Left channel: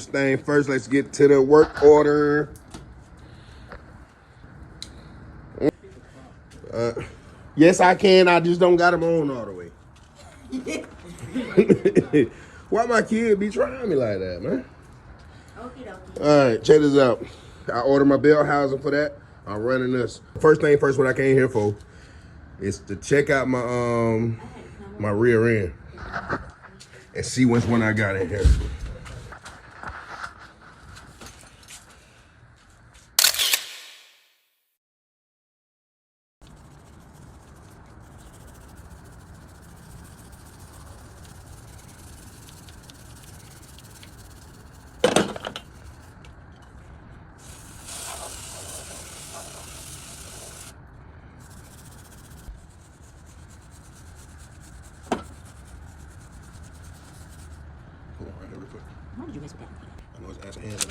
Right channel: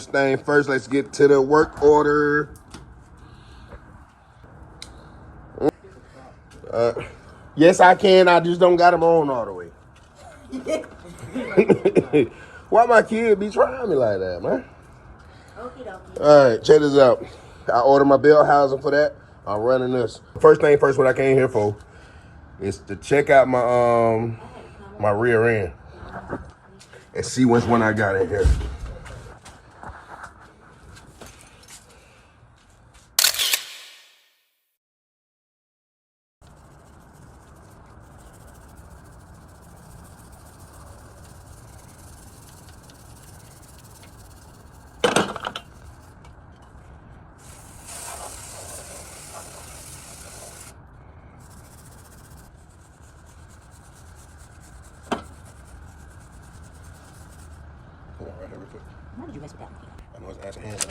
First thing first, let's get to the work order. Yes, I can. I just don't got them on all the way. Why my kid be trying me like that, man? All right, check this out. I ordered my belt housing for that. I'm running this. First thing first, what I came here for is to check out my my rear end and see which one I got in here. Hold on, right here real quick. Why did you mess with that? I know it's ass and hands.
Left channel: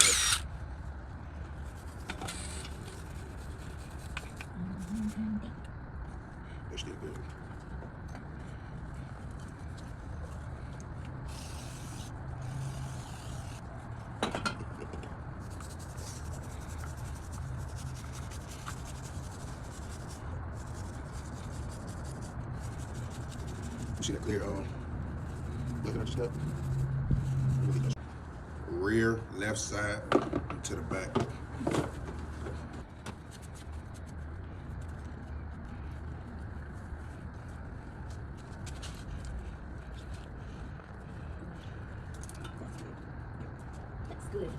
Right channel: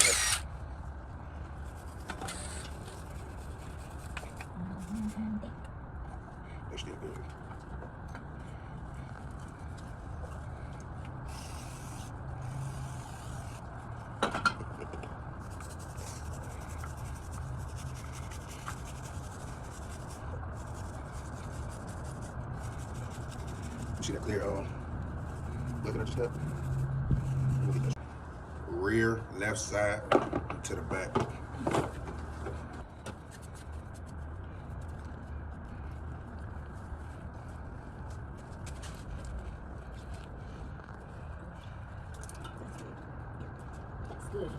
They're still good. You see that clear looking at your step? Rear, left side, to the back. Good.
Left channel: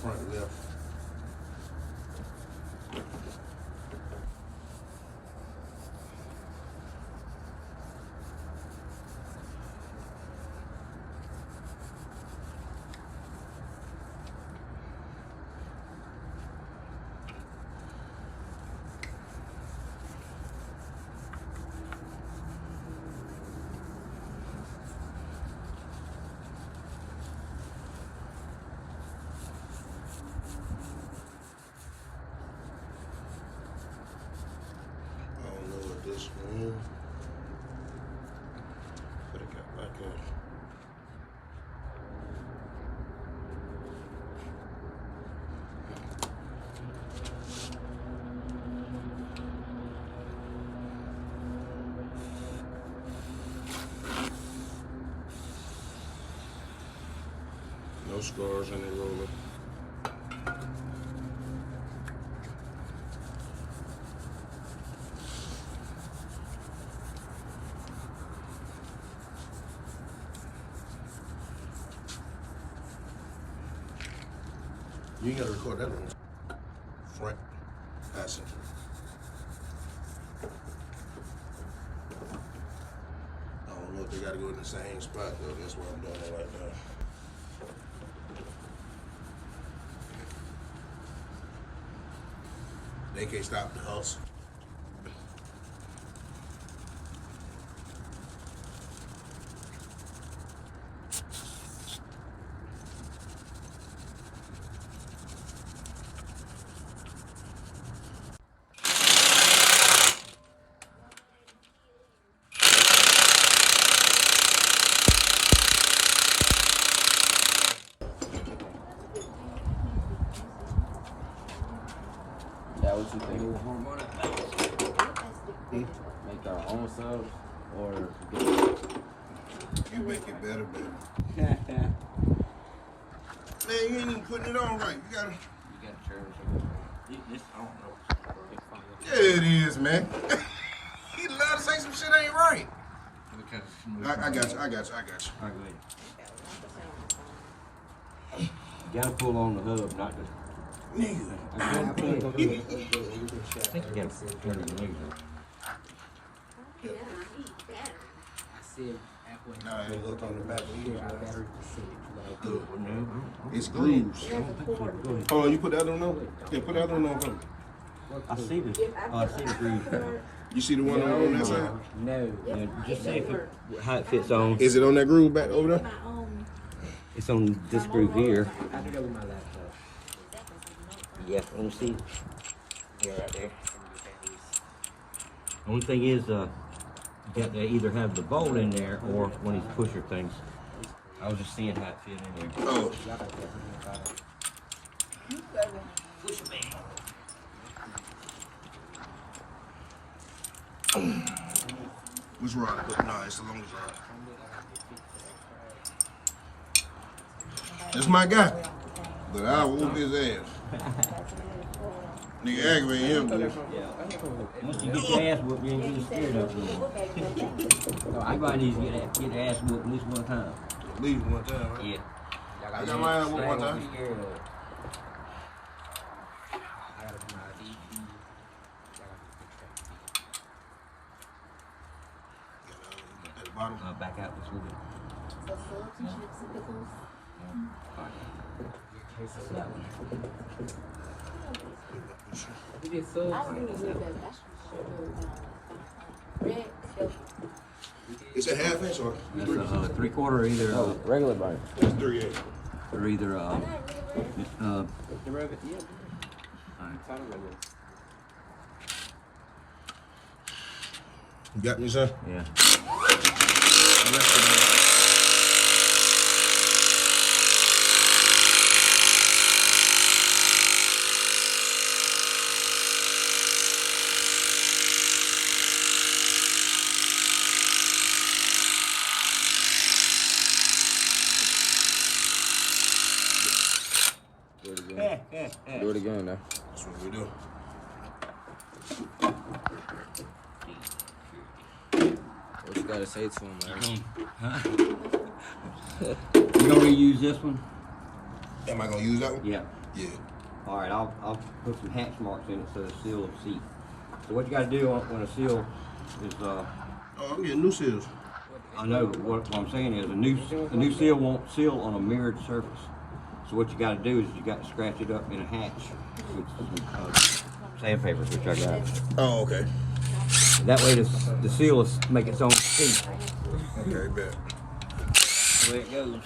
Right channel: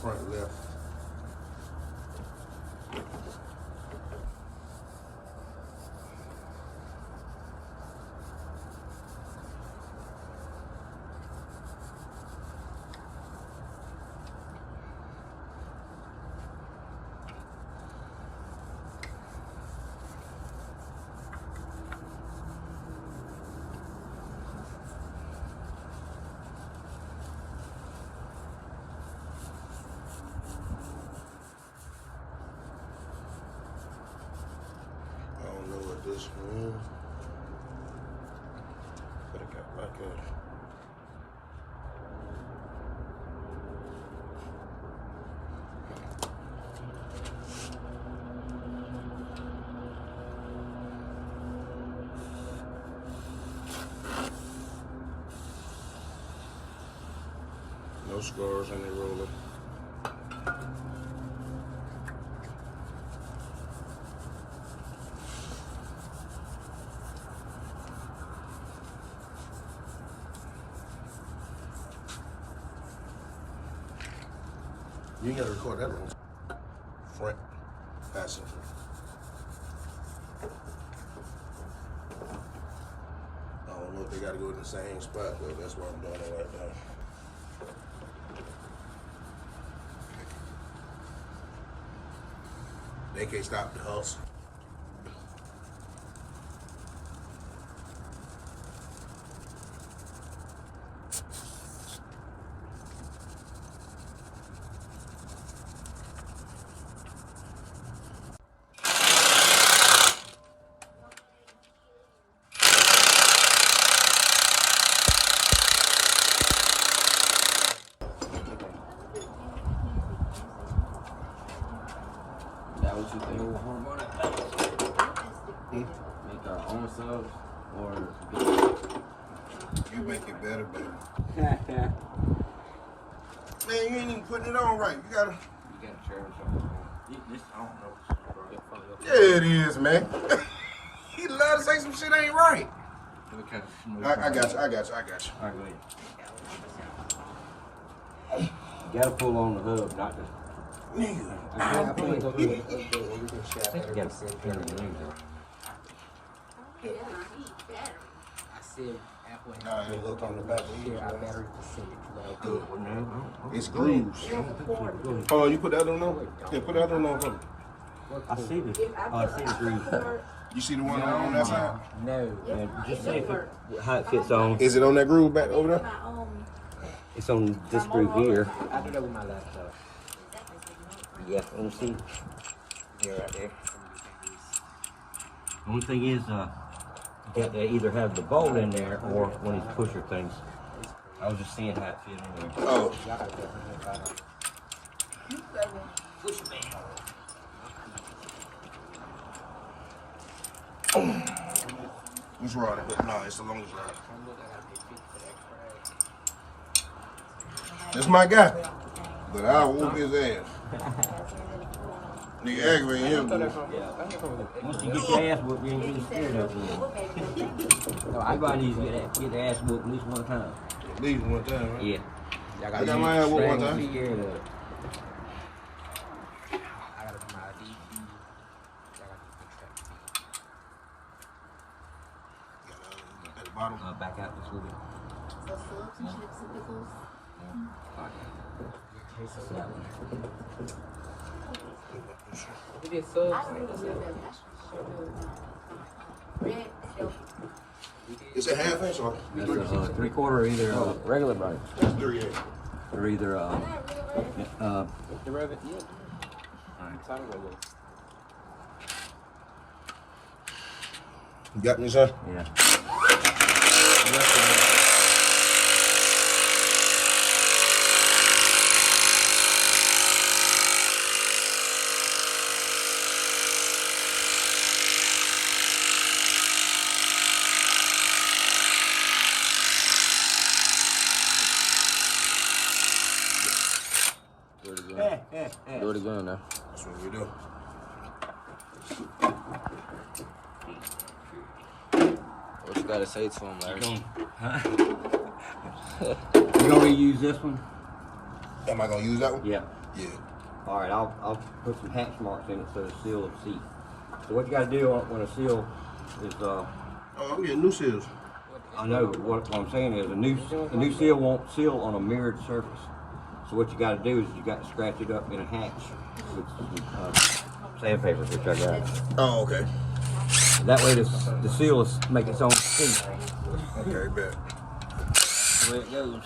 Front and left. This one, but I got like no scars on the roller. You ain't gotta record that one. Front passenger. I don't know if they gotta go in the same spot though. That's why I'm doing it right now. They can't stop the hustle. That what you think? Make our own subs or You make it better, baby. Man, you ain't even putting it on right. You gotta turn something. This I don't know. Yeah, it is, man. He love to say some shit ain't right. I got you. Alright, go ahead. You gotta pull on the hub, not the Nigga. I think you gotta turn the legs up. Nah, it look on the back. Well, no, It's grooves. Oh, you put the other one on? Yeah, put the other one on for me. I see this. I see the groove. You see the one on that side? No. Yeah, just say how it fits on. Is it on that groove back over there? It's on this groove here. I do that with my laptop. Yeah, let me see. Yeah, right there. One thing is, you got to either have the bolt in there or one of these pusher things. I was just seeing how it fit in there. Oh. Pusher man. Which rod? No, it's the longest rod. That's my guy. But I whoop his ass. Nigga aggravating him, boy. Once you get your ass whooped, you ain't really scared of it. Everybody needs to get their ass whooped at least one time. At least one time, right? Yeah. I got my ass whooped one time. At the bottom. Back out this little bit. It's a half inch or? That's a 3/4 either regular burn. That's 3/8. Or either You got me, son? yeah. Do it again now. That's what we do. What you gotta say to him, Larry? You gonna reuse this one? Am I gonna use that one? Yeah. Yeah. All right, I'll put some hatch marks in it so the seal will seat. So what you gotta do when a seal is Oh, I'm getting new seals. I know, but what I'm saying is a new seal won't seal on a mirrored surface. So what you got to do is you got to scratch it up in a hatch with some sandpaper, which I got. Oh, okay. That way the seal will make its own seat. Okay, bet. That's the way it goes.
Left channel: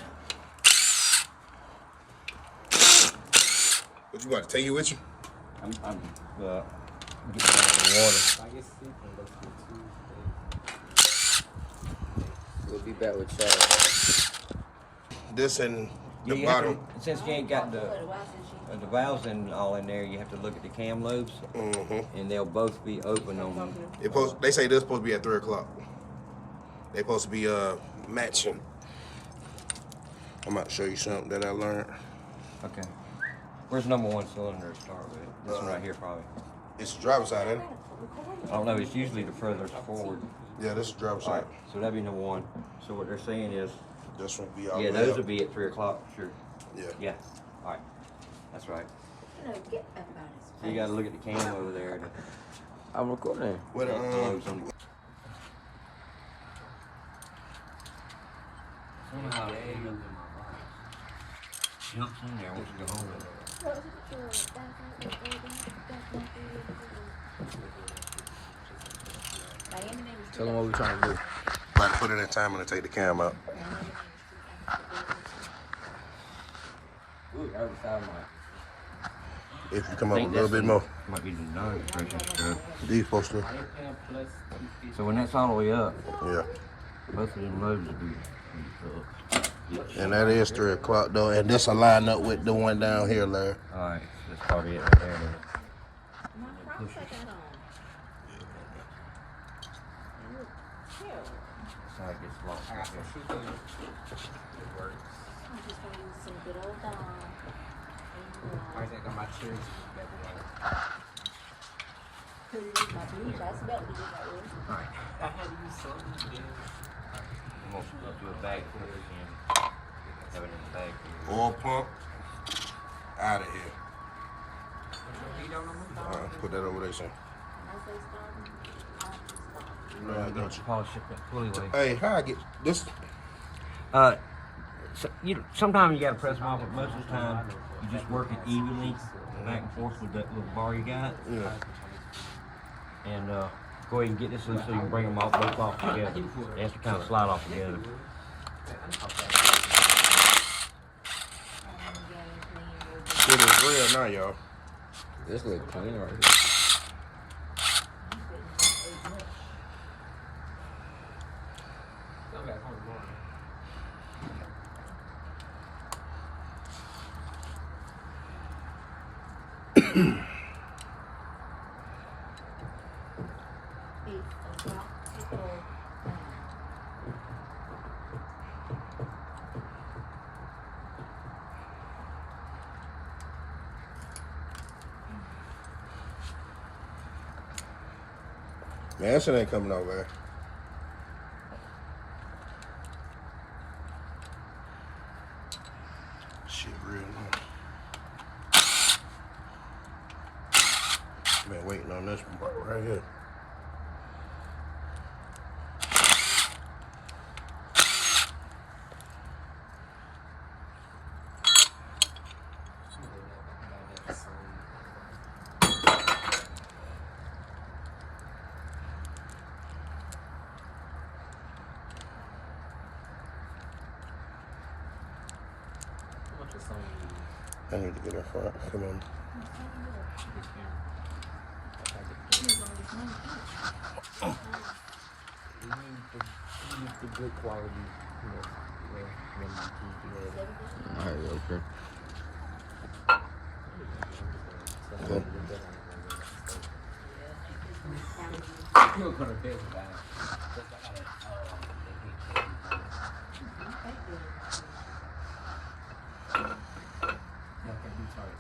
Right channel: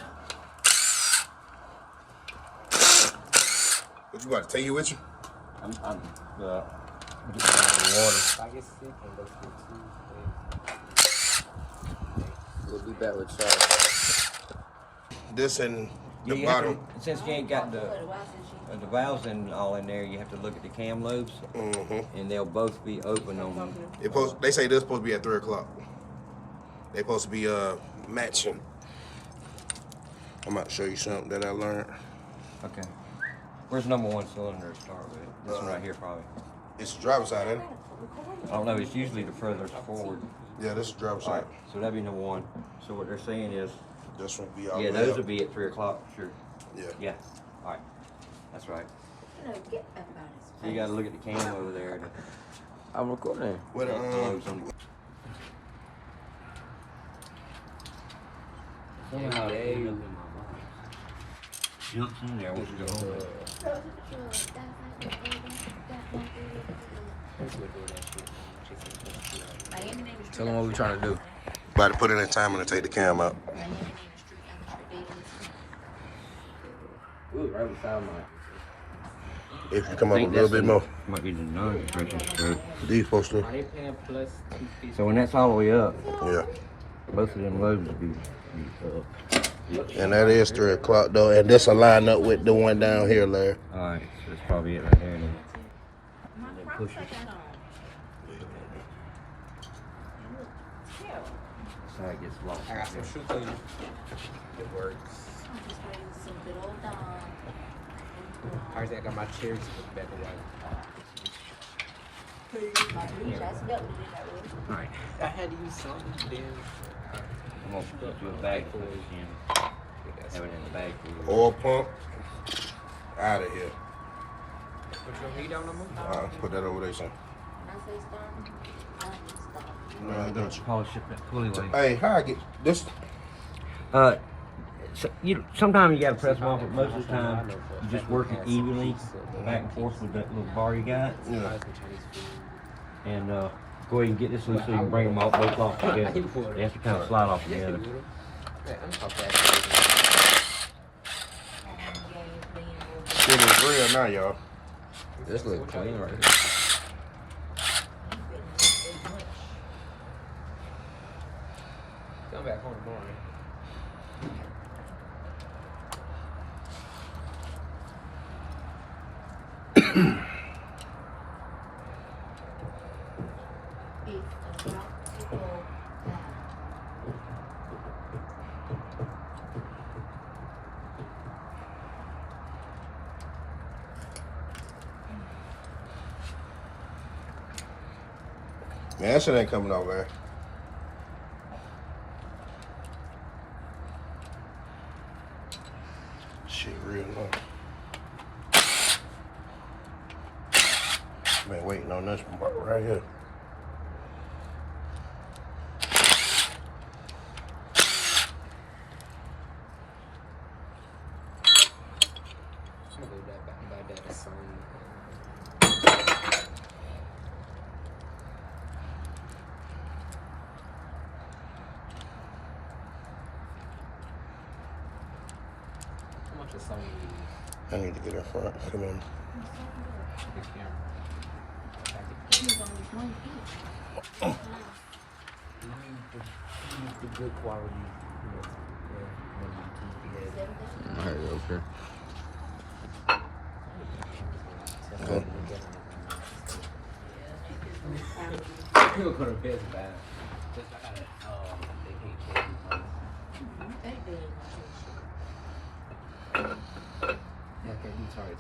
What you got to take you with you? I'm getting out of the water. We'll be back with Charlie. This and the You have bottom. to, since you ain't got the valves and all in there, you have to look at the cam lobes, and they'll both be open on. They say they're supposed to be at 3 o'clock. They're supposed to be matching. I'm about to show you something that I learned. Okay. Where's number 1 cylinder to start with? This one right here, probably. It's the driver's side, ain't it? I don't know. It's usually the furthest forward. Yeah, this is the driver's All side. right. So that'd be number 1. So what they're saying is, This one be all yeah, the way those up. will be at 3 o'clock, sure. Yeah. Yeah. All right. That's right. So you got to look at the cam over there. I'm recording. What, Somehow it jumps in there with your hole. Tell them what we trying to do. About to put in a timer to take the cam out. Ooh, right beside mine. If you come up a little bit more. Might be the nose pressure stroke. These supposed to. So when that's all the way up, Yeah. both of them lobes will be And that is 3 o'clock though. And this will line up with the one down here, Larry. all right, so that's probably it right there now. And then push it. So it gets locked. I got some shoe for you. It works. I got my chairs back away. Alright. I had to use something there. I'm gonna put you a bag for it and have it in the bag for you. Oil pump. Out of here. Put your heat on them. Put that over there, son. I'm gonna polish up that pulley weight. Hey, how I get this? So sometimes you gotta press them off, but most of the time you just work it evenly back and forth with that little bar you got. Yeah. And go ahead and get this one so you can bring them all both off together. They have to kind of slide off together. It is real now, y'all. This look clean, right? Come back home tomorrow. Man, that shit ain't coming out, man. Shit real nice. Been waiting on this part right here. I need to get in front. Come on. Alright, okay. Okay. He'll put her bed back. Okay, he's hard.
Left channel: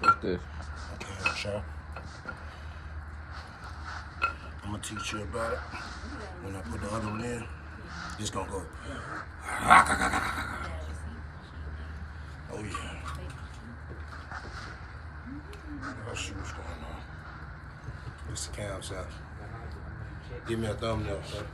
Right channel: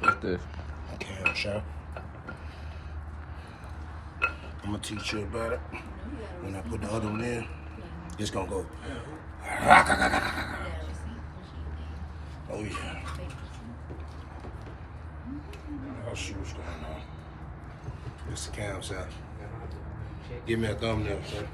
What's this? Okay, Michelle. I'm gonna teach you about it. When I put the other one in, it's gonna go. Oh yeah. I'll see what's going on. It's the cam shot. Give me a thumbnail, son.